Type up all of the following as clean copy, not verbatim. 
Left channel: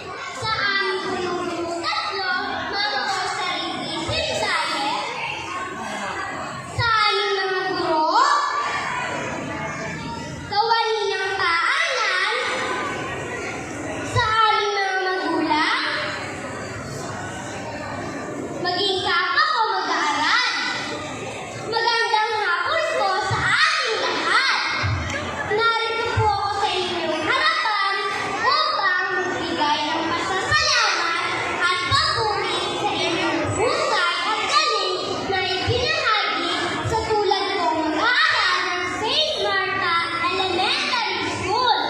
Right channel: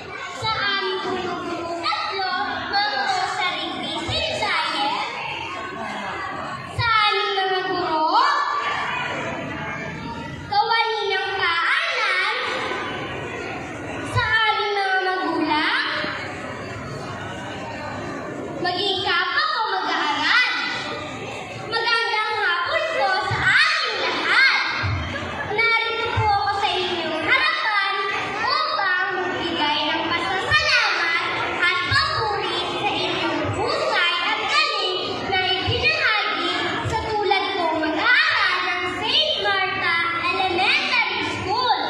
Sa aming tatlo, mga sa Revision Diet, sa aming mga guro, kawani ng paalam, sa aming mga magulang, maging kapwa ko mag-aaral. Magandang hapon po sa ating lahat. Narito po ako sa inyong harapan upang magbigay ng pasasalamat at papuri sa inyong husay at galing na ibinahagi sa tulad kong mag-aaral ng St. Martha Elementary School.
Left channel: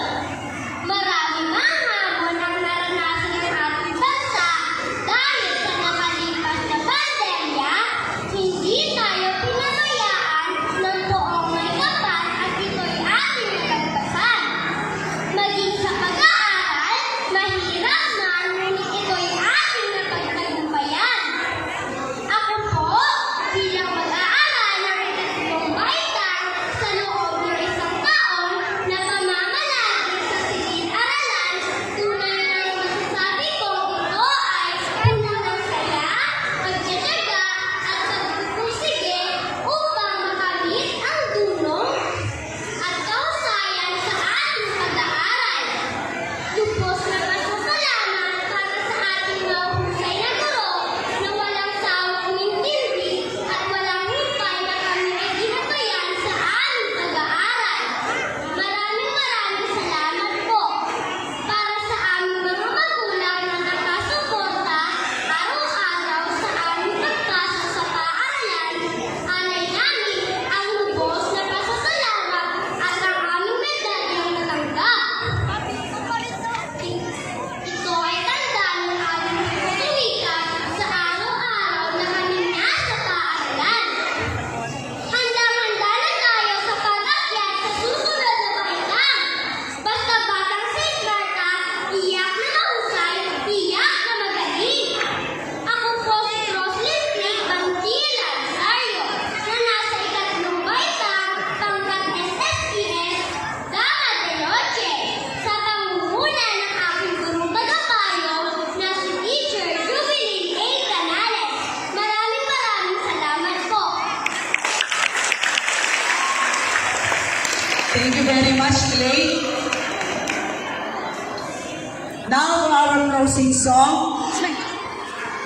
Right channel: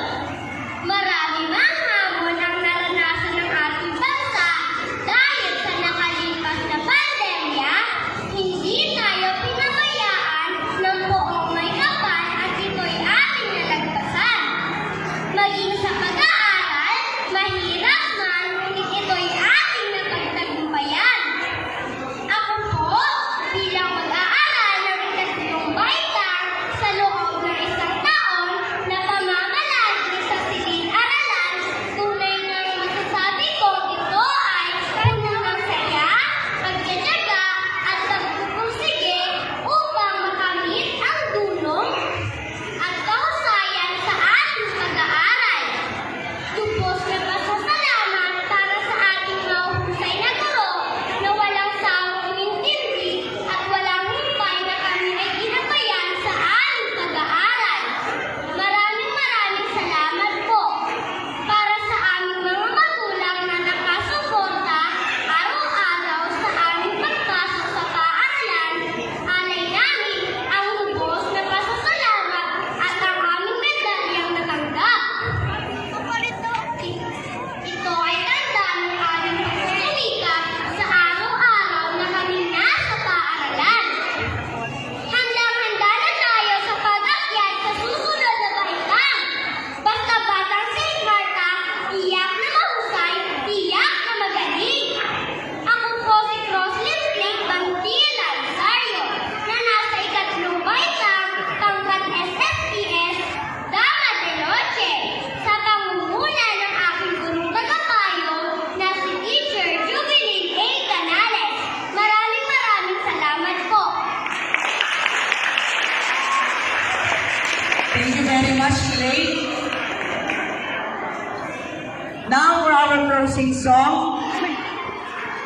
Maraming hamon ang naranasan ng ating bansa dahil sa nakalipas na pandemya, hindi tayo pinabayaan ng buong may kapal at ito'y ating nalagpasan. Maging sa pag-aaral, mahirap man, ngunit ito'y ating may pagtagumpayan. Ako po, bilang mag-aaral ng ikatlong baitang sa loob ng isang taon na pamamalagi sa silid-aralan, tunay na masasabi kong ito ay puno ng saya, pagtitiyaga at pagpupursige upang makamit ang dunong at kahusayan sa ating pag-aaral. Lubos na pasasalamat para sa ating mahusay na guro na walang sawang umintindi at walang humpay na kami ay ginabayan sa aming pag-aaral. Maraming salamat po para sa aming mga magulang na nakasuporta araw-araw sa aming pagpasok sa paaralan. Alay namin ang lubos na pasasalamat at ang aming medalyang natanggap. Ito ay tanda ng aming pagsusumikap sa araw-araw na kami nasa paaralan. Handang-handa na tayo sa pag-akyat sa susunod na baitang. Basta Batang St. Martha, tiyak na mahusay, tiyak na magaling. Ako po si Roslyn Blake Bantila Rosario, na nasa ikatlong baitang pangkat SSPS, Dama de Noche, sa pangunguna ng aking gurong tagapayo na si Teacher Jubilin A. Canales. Maraming salamat po. Thank you very much, Clay. Now for our closing song,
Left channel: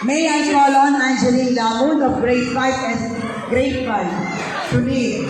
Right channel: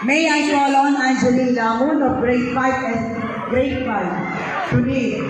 may I call on Angeline Lamon of Grade 5 and Grade 5 to lead.